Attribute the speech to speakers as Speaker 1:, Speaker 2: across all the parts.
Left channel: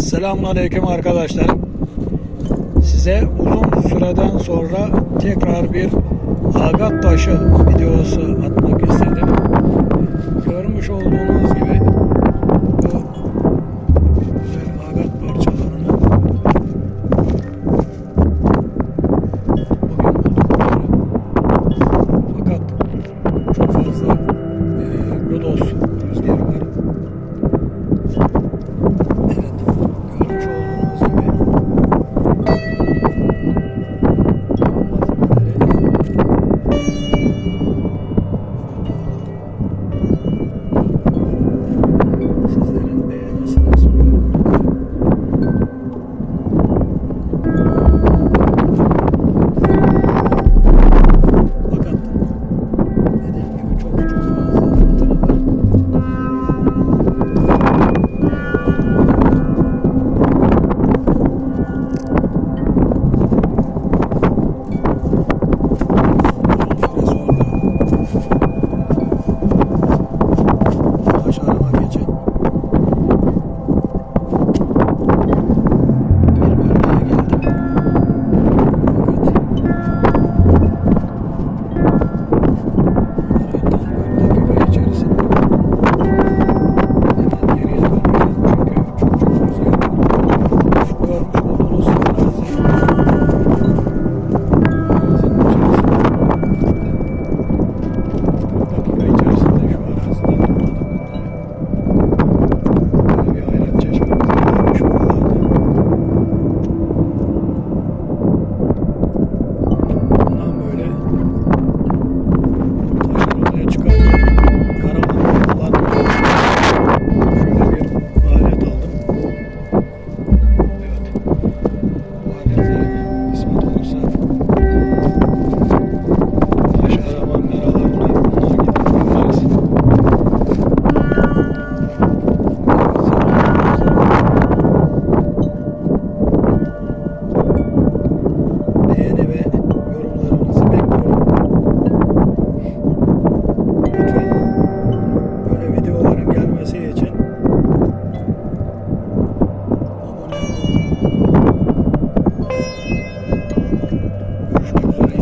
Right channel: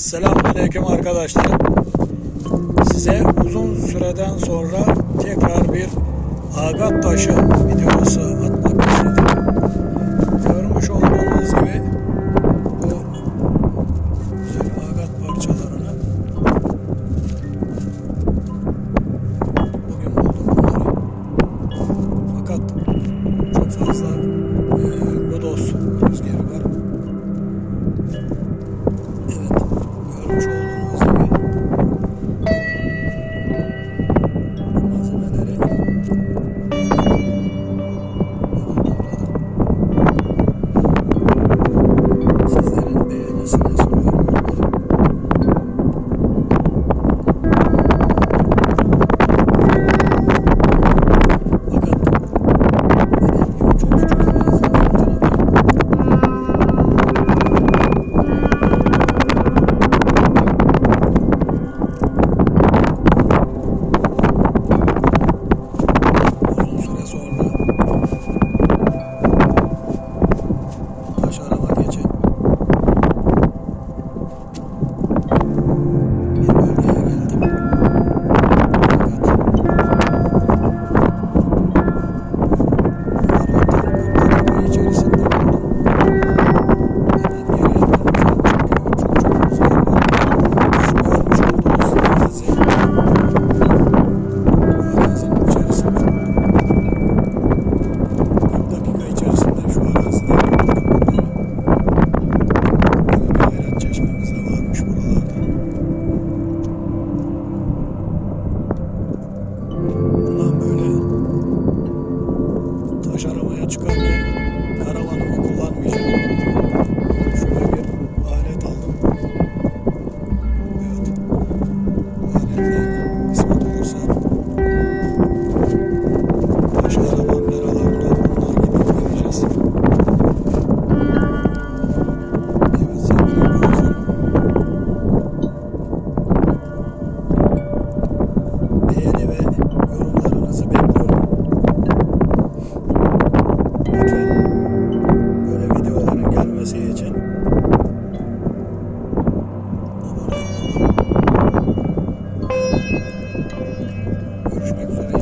Speaker 1: Selamünaleyküm arkadaşlar. Size uzun süreden sonra tekrar bir agat taşı videosu atmak istedim.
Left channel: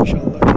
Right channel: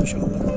Speaker 1: inshallah.